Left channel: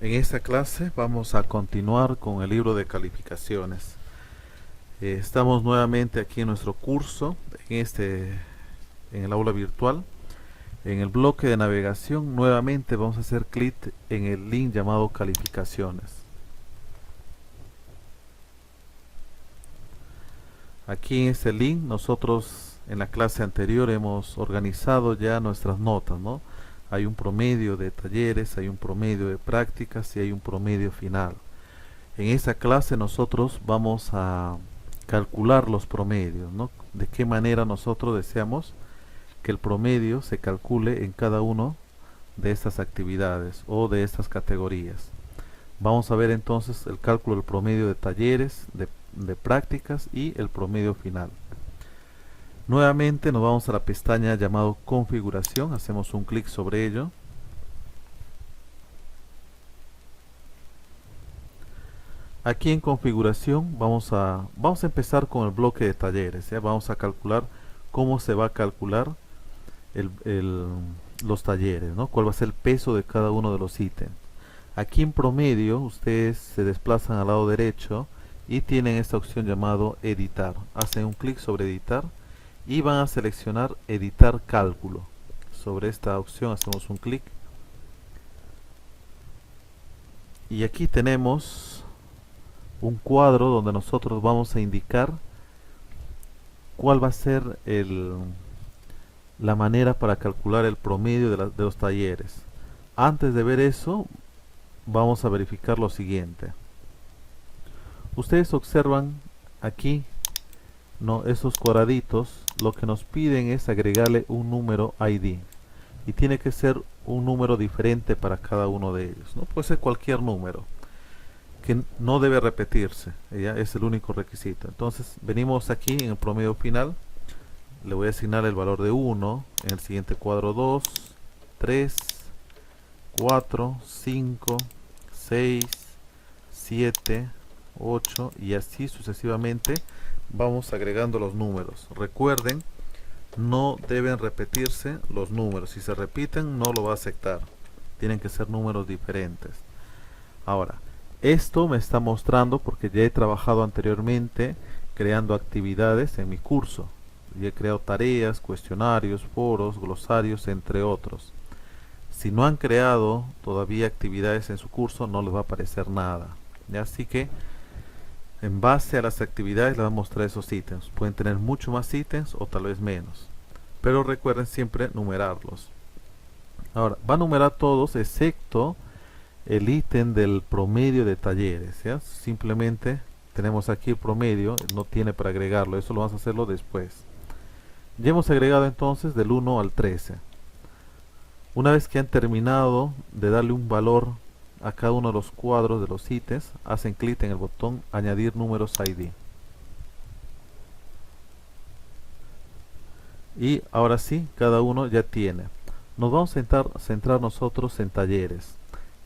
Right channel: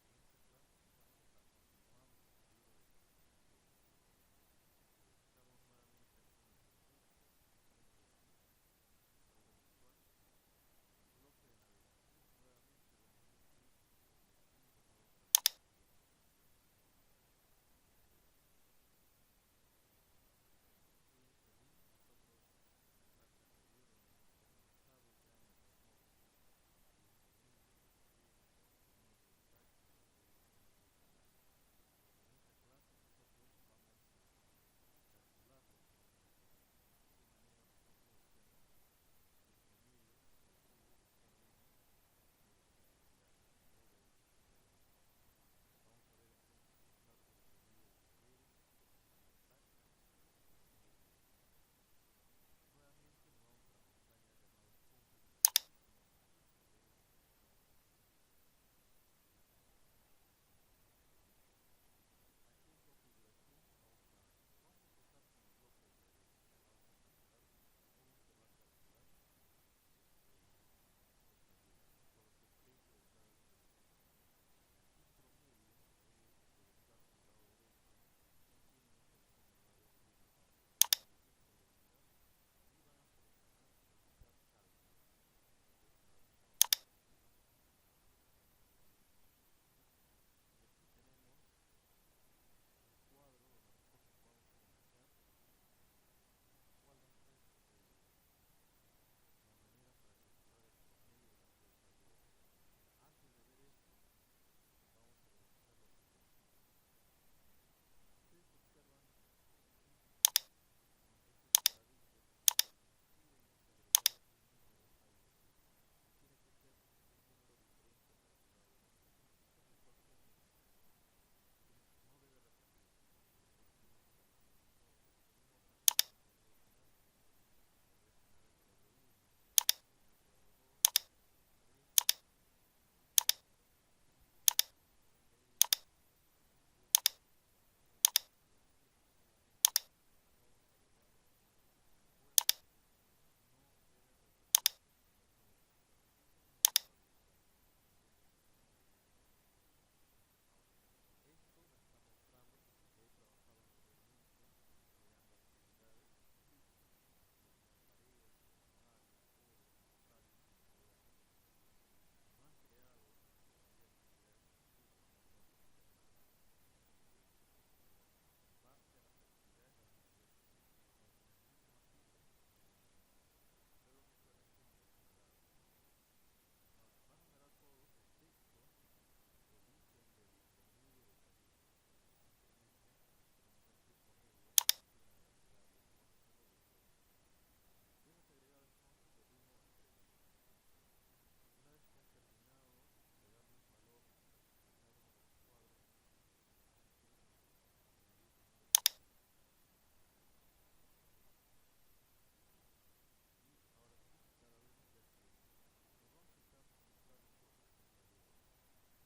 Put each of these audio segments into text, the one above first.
En esta clase vamos a continuar con el libro de calificaciones. Estamos nuevamente aquí en nuestro curso, en el aula virtual. En el bloque de navegación nuevamente vamos a hacer clic en el link llamado calificaciones. Aquí en este link nosotros en la clase anterior hemos organizado ya nuestras notas, ¿no? Hay un promedio de talleres, hay un promedio de prácticas y hay un promedio final. En esta clase nosotros vamos a calcular los promedios, ¿no? De qué manera nosotros deseamos que el promedio se calcule en cada uno de estas actividades o de estas categorías. Vamos a ver entonces el cálculo del promedio de talleres, de prácticas y el promedio final. Nuevamente nos vamos a la pestaña llamado configuración, hacemos un clic sobre ello. Aquí en configuración vamos a empezar con el bloque de talleres, ¿ya? Vamos a calcular cómo se va a calcular los talleres, ¿no? Cuál va a ser el peso de cada uno de los ítems. Aquí en promedio ustedes se desplazan al lado derecho y tienen esta opción llamado editar. Hacen un clic sobre editar y van a seleccionar editar cálculo. Sobre esta opción hacemos un clic y aquí tenemos un cuadro donde nosotros vamos a indicar cuál va a ser la manera para calcular el promedio de los talleres. Antes de ver eso, vamos a verificar lo siguiente. Ustedes observan aquí, ¿no? Esos cuadraditos, lo que nos piden es agregarle un número ID. Y tiene que ser un número diferente para cada uno de ellos, ¿no? Puede ser cualquier número que no debe repetirse, ¿ya? Es el único requisito. Entonces venimos aquí en el promedio final, le voy a asignar el valor de 1, en el siguiente cuadro 2, 3, 4, 5, 6, 7, 8 y así sucesivamente vamos agregando los números. Recuerden, no deben repetirse los números, si se repiten no lo va a aceptar, tienen que ser números diferentes. Ahora, esto me está mostrando porque ya he trabajado anteriormente creando actividades en mi curso y he creado tareas, cuestionarios, foros, glosarios, entre otros. Si no han creado todavía actividades en su curso no les va a aparecer nada, ¿ya? Así que en base a las actividades les va a mostrar esos ítems. Pueden tener mucho más ítems o tal vez menos, pero recuerden siempre numerarlos. Ahora, va a numerar todos excepto el ítem del promedio de talleres, ¿ya? Simplemente tenemos aquí el promedio, no tiene para agregarlo, eso lo vamos a hacerlo después. Ya hemos agregado entonces del 1 al 13. Una vez que han terminado de darle un valor a cada uno de los cuadros de los ítems, hacen clic en el botón añadir números ID. Y ahora sí, cada uno ya tiene. Nos vamos a centrar nosotros en talleres.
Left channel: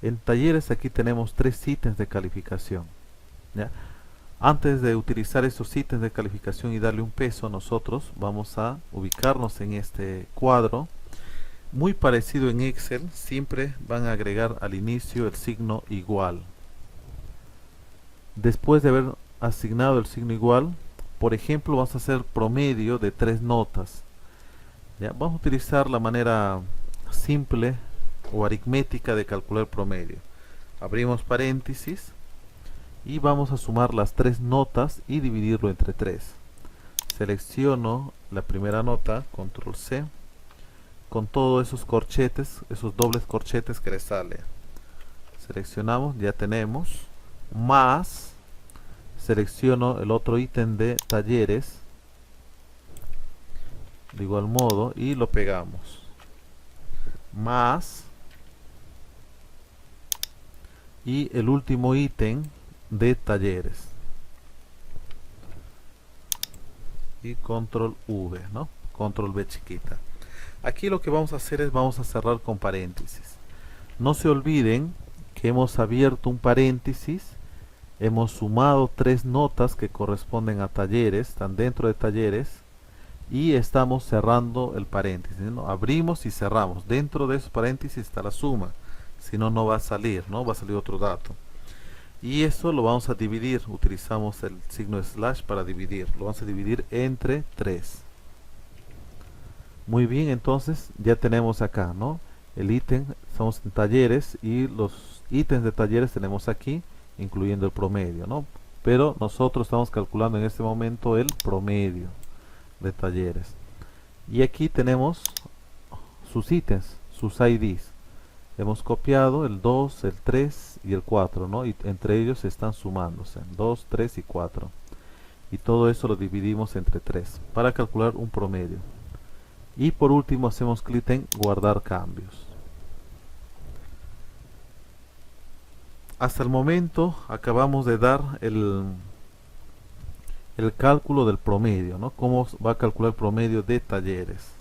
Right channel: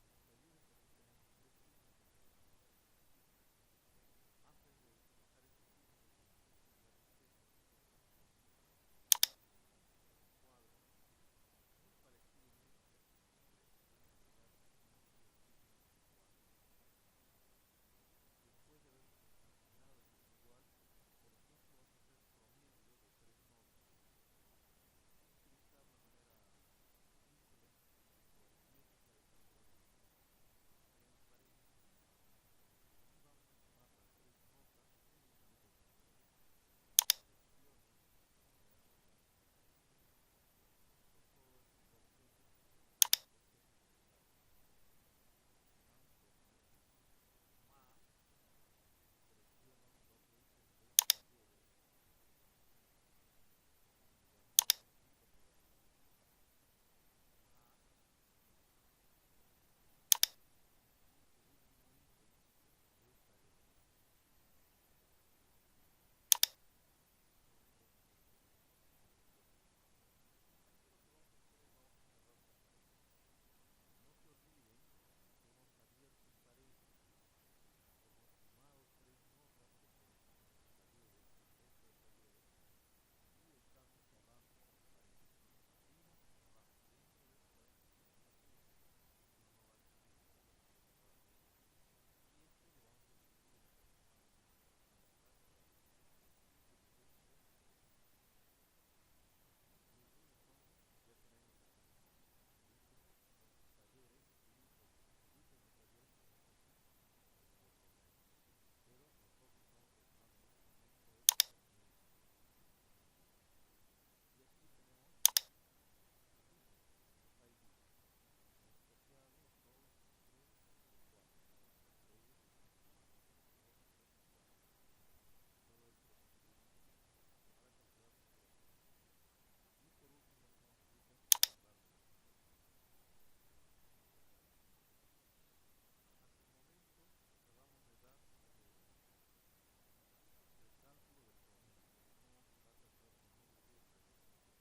En talleres aquí tenemos 3 ítems de calificación, ¿ya? Antes de utilizar estos ítems de calificación y darle un peso, nosotros vamos a ubicarnos en este cuadro. Muy parecido en Excel, siempre van a agregar al inicio el signo igual. Después de haber asignado el signo igual, por ejemplo, vamos a hacer promedio de 3 notas. ¿Ya? Vamos a utilizar la manera simple o aritmética de calcular el promedio. Abrimos paréntesis y vamos a sumar las 3 notas y dividirlo entre 3. Selecciono la primera nota, control C, con todos esos corchetes, esos dobles corchetes que le sale. Seleccionamos, ya tenemos, más, selecciono el otro ítem de talleres, de igual modo, y lo pegamos. Más, y el último ítem de talleres. Y control V, ¿no? Control V chiquita. Aquí lo que vamos a hacer es vamos a cerrar con paréntesis. No se olviden que hemos abierto un paréntesis, hemos sumado 3 notas que corresponden a talleres, están dentro de talleres, y estamos cerrando el paréntesis, ¿no? Abrimos y cerramos. Dentro de esos paréntesis está la suma. si no, no va a salir, ¿no? Va a salir otro dato. Y esto lo vamos a dividir, utilizamos el signo slash para dividir, lo vamos a dividir entre 3. Muy bien, entonces ya tenemos acá, ¿no? El ítem, estamos en talleres y los ítems de talleres tenemos aquí, incluyendo el promedio, ¿no? Pero nosotros estamos calculando en este momento el promedio de talleres. Y aquí tenemos sus ítems, sus IDs. Hemos copiado el 2, el 3 y el 4, ¿no? Y entre ellos están sumándose, 2, 3 y 4. Y todo eso lo dividimos entre 3 para calcular un promedio. Y por último hacemos clic en guardar cambios. Hasta el momento acabamos de dar el cálculo del promedio, ¿no? Cómo va a calcular el promedio de talleres.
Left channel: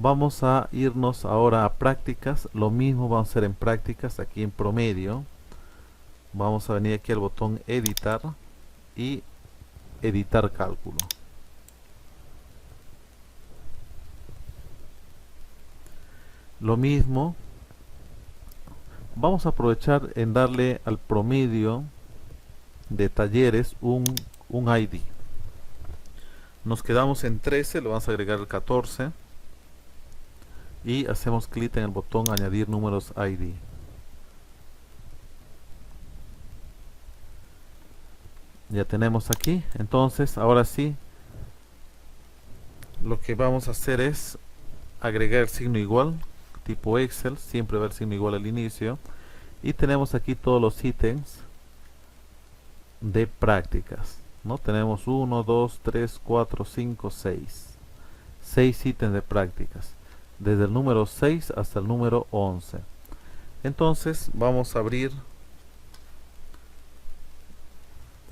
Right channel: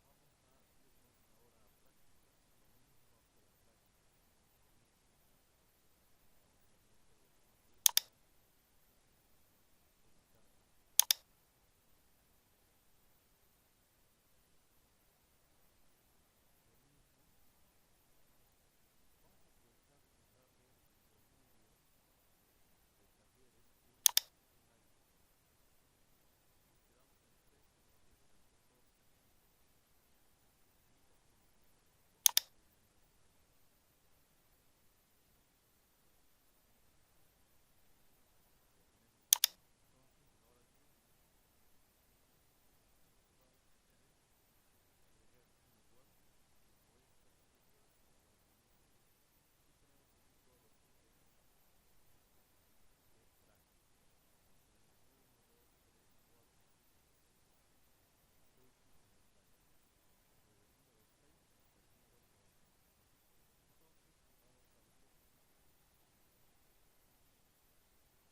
Vamos a irnos ahora a prácticas. Lo mismo vamos a hacer en prácticas, aquí en promedio. Vamos a venir aquí al botón editar y editar cálculo. Lo mismo, vamos a aprovechar en darle al promedio de talleres un ID. Nos quedamos en 13, le vamos a agregar el 14 y hacemos clic en el botón añadir números ID. Ya tenemos aquí, entonces ahora sí lo que vamos a hacer es agregar el signo igual, tipo Excel, siempre va el signo igual al inicio, y tenemos aquí todos los ítems de prácticas, ¿no? Tenemos 1, 2, 3, 4, 5, 6. 6 ítems de prácticas, desde el número 6 hasta el número 11. Entonces vamos a abrir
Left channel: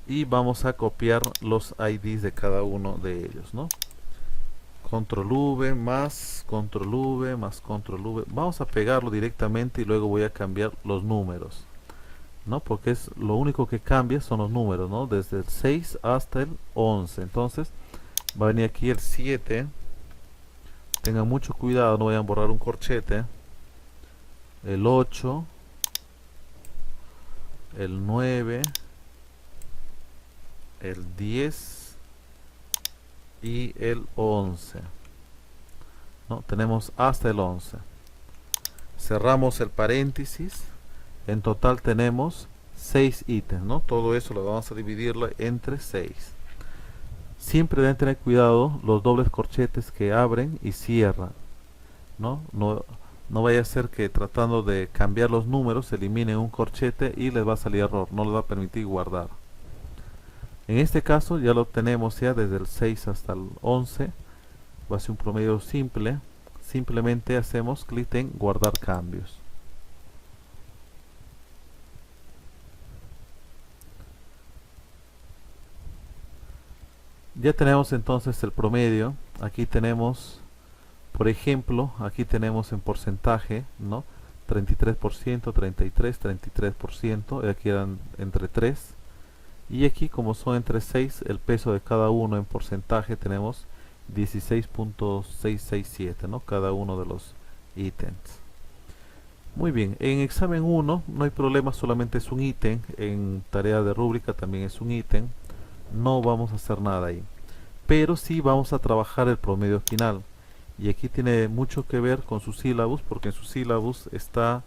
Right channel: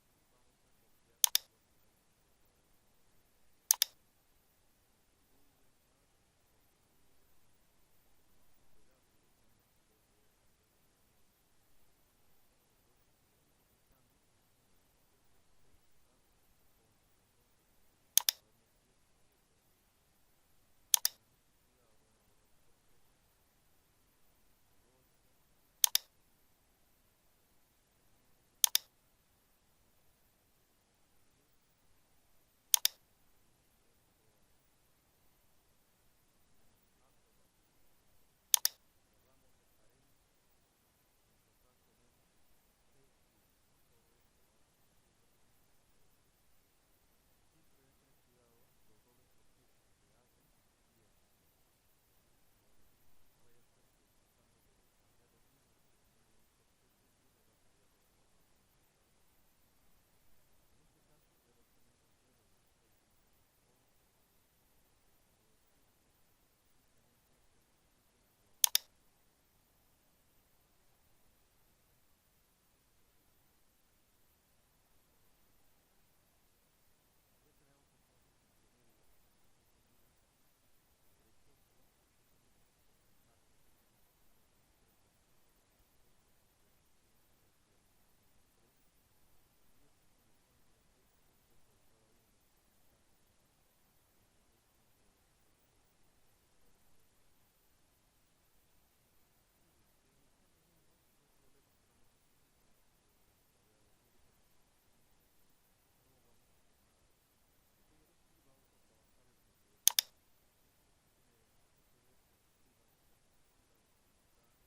y vamos a copiar los IDs de cada uno de ellos, ¿no? Control V más Control V más Control V. Vamos a pegarlo directamente y luego voy a cambiar los números, ¿no? Porque es lo único que cambia son los números, ¿no? Desde el 6 hasta el 11. Entonces va a venir aquí el 7. Tengan mucho cuidado, no vayan a borrar un corchete. El 8, el 9, el 10 y el 11, ¿no? Tenemos hasta el 11. Cerramos el paréntesis. En total tenemos 6 ítems, ¿no? Todo eso lo vamos a dividirlo entre 6. Siempre deben tener cuidado los dobles corchetes que abren y cierran, ¿no? No vaya a ser que tratando de cambiar los números eliminen un corchete y les va a salir error, no les va a permitir guardar. En este caso ya lo tenemos ya desde el 6 hasta el 11. Va a ser un promedio simple. Simplemente hacemos clic en guardar cambios. Ya tenemos entonces el promedio. Aquí tenemos, por ejemplo, aquí tenemos en porcentaje, ¿no? 33%, 33, 33%, y aquí eran entre 3. Y aquí, como son entre 6, el peso de cada uno en porcentaje tenemos 16.667, ¿no? Cada uno de los ítems. Muy bien, en examen 1 no hay problema, solamente es un ítem. En tarea de rúbrica también es un ítem. No vamos a hacer nada ahí. Pero sí vamos a trabajar el promedio final. Y aquí tiene mucho que ver con su sílabus, porque en su sílabus está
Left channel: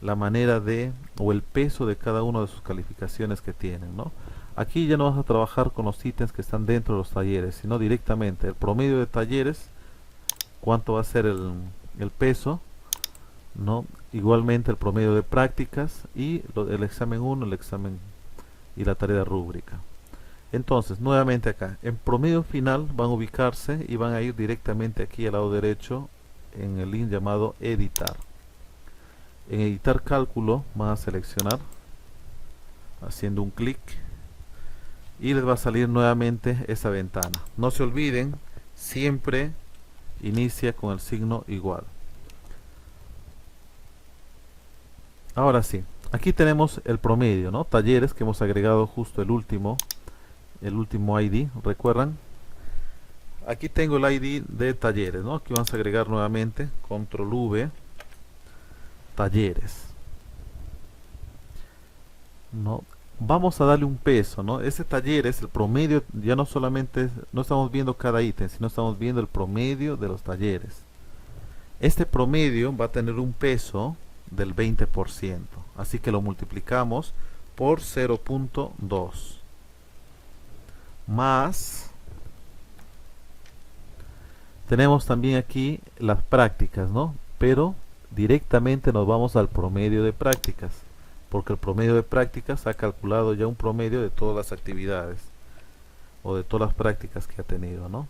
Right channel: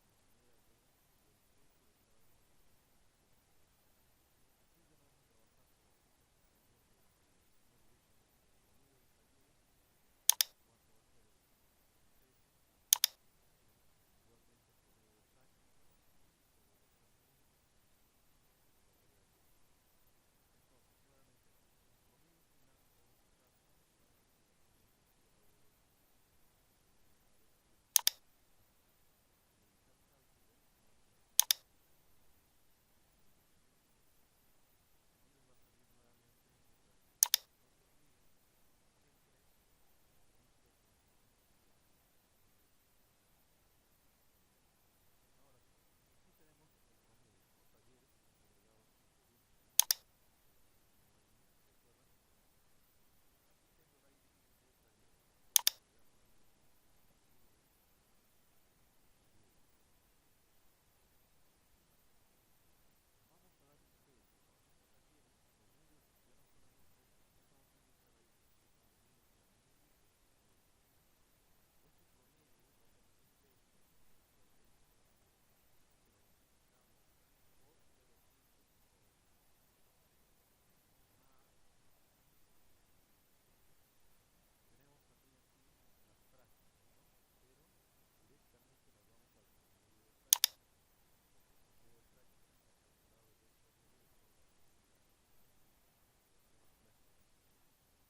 la manera de, o el peso de cada una de sus calificaciones que tienen, ¿no? Aquí ya no vamos a trabajar con los ítems que están dentro de los talleres, sino directamente el promedio de talleres, cuánto va a ser el peso, ¿no? Igualmente el promedio de prácticas y el examen 1, el examen y la tarea de rúbrica. Entonces, nuevamente acá, en promedio final van a ubicarse y van a ir directamente aquí al lado derecho en el link llamado editar. En editar cálculo van a seleccionar haciendo un clic y les va a salir nuevamente esa ventana. No se olviden, siempre inicia con el signo igual. Ahora sí, aquí tenemos el promedio, ¿no? Talleres que hemos agregado justo el último ID, ¿recuerdan? Aquí tengo el ID de talleres, ¿no? Aquí vamos a agregar nuevamente, control V, talleres, ¿no? Vamos a darle un peso, ¿no? Ese talleres, el promedio, ya no solamente, no estamos viendo cada ítem, sino estamos viendo el promedio de los talleres. Este promedio va a tener un peso del 20%, así que lo multiplicamos por 0.2 más, tenemos también aquí las prácticas, ¿no? Pero directamente nos vamos al promedio de prácticas, porque el promedio de prácticas ha calculado ya un promedio de todas las actividades o de todas las prácticas que ha tenido, ¿no?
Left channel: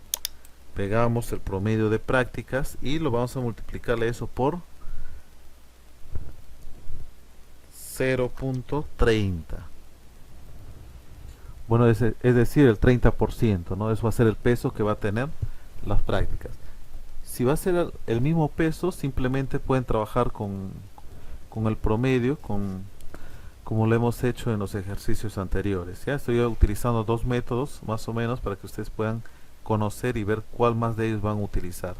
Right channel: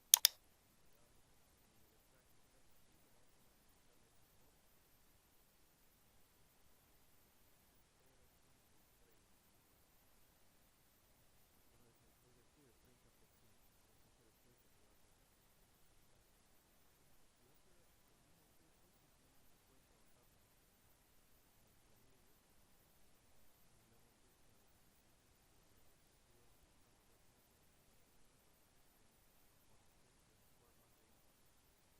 Pegamos el promedio de prácticas y lo vamos a multiplicarle eso por 0.30. Bueno, es decir, el 30%, ¿no? Eso va a ser el peso que va a tener las prácticas. Si va a ser el mismo peso, simplemente pueden trabajar con el promedio, como lo hemos hecho en los ejercicios anteriores. Ya estoy utilizando dos métodos más o menos para que ustedes puedan conocer y ver cuál más de ellos van a utilizar.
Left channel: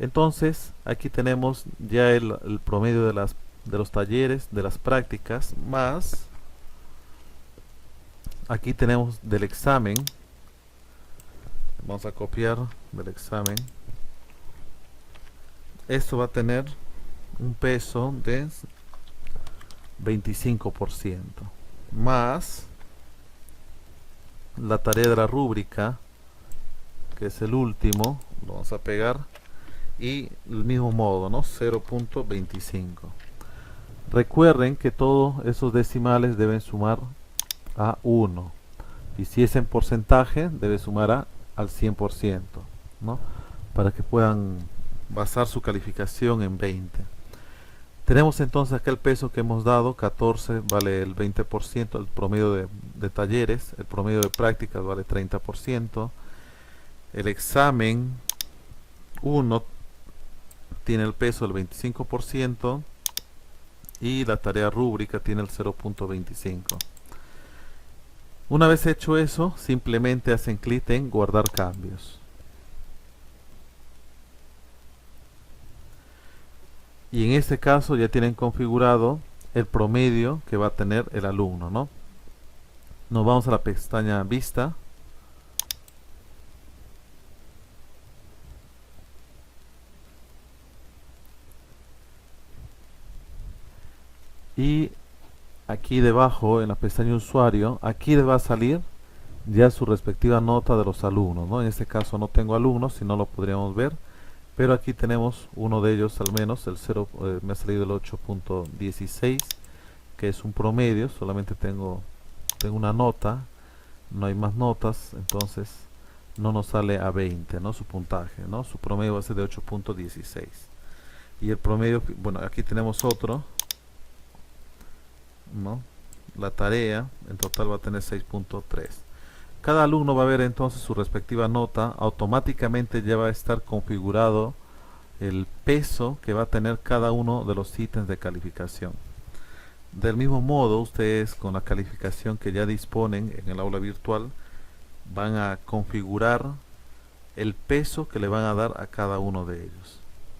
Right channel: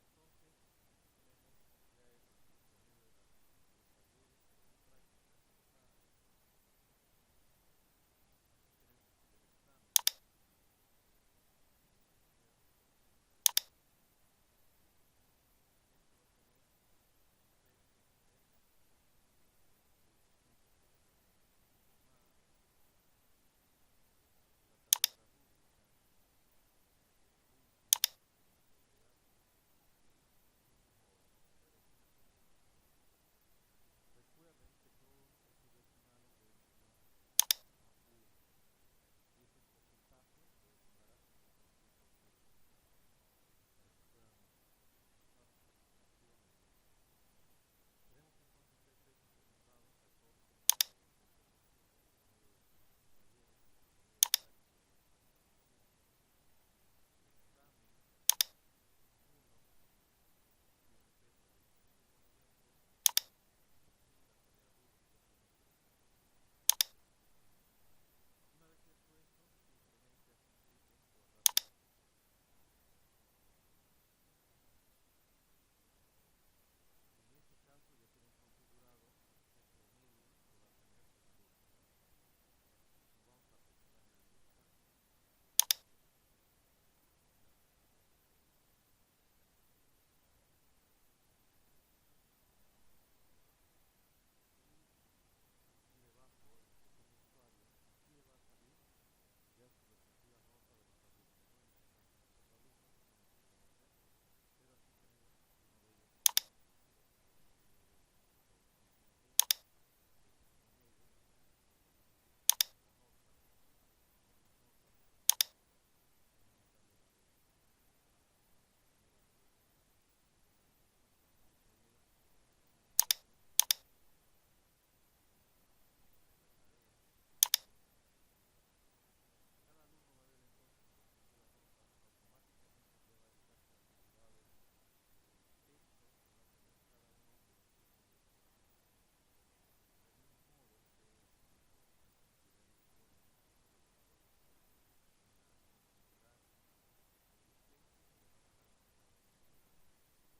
Entonces, aquí tenemos ya el promedio de los talleres, de las prácticas, más aquí tenemos del examen. Vamos a copiar del examen. Esto va a tener un peso de 25%, más la tarea de la rúbrica, que es el último, lo vamos a pegar, y el mismo modo, ¿no? 0.25. Recuerden que todos esos decimales deben sumar a 1, y si es en porcentaje debe sumar al 100%, ¿no? Para que puedan basar su calificación en 20. Tenemos entonces acá el peso que hemos dado, 14 vale el 20%, el promedio de talleres, el promedio de prácticas vale 30%, el examen 1 tiene el peso del 25% y la tarea rúbrica tiene el 0.25. Una vez hecho eso, simplemente hacen clic en guardar cambios. Y en este caso ya tienen configurado el promedio que va a tener el alumno, ¿no? Nos vamos a la pestaña Vista. Y aquí debajo, en la pestaña Usuario, aquí les va a salir ya su respectiva nota de los alumnos, ¿no? En este caso no tengo alumnos, si no lo podríamos ver. Pero aquí tenemos uno de ellos al menos, el 0, me ha salido el 8.16, que es un promedio, solamente tengo una nota, no hay más notas, entonces no nos sale a 20, ¿no? Su puntaje, ¿no? Su promedio va a ser de 8.16. Y el promedio, bueno, aquí tenemos otro, ¿no? La tarea en total va a tener 6.3. Cada alumno va a ver entonces su respectiva nota, automáticamente ya va a estar configurado el peso que va a tener cada uno de los ítems de calificación. Del mismo modo, ustedes con la calificación que ya disponen en el aula virtual van a configurar el peso que le van a dar a cada uno de ellos.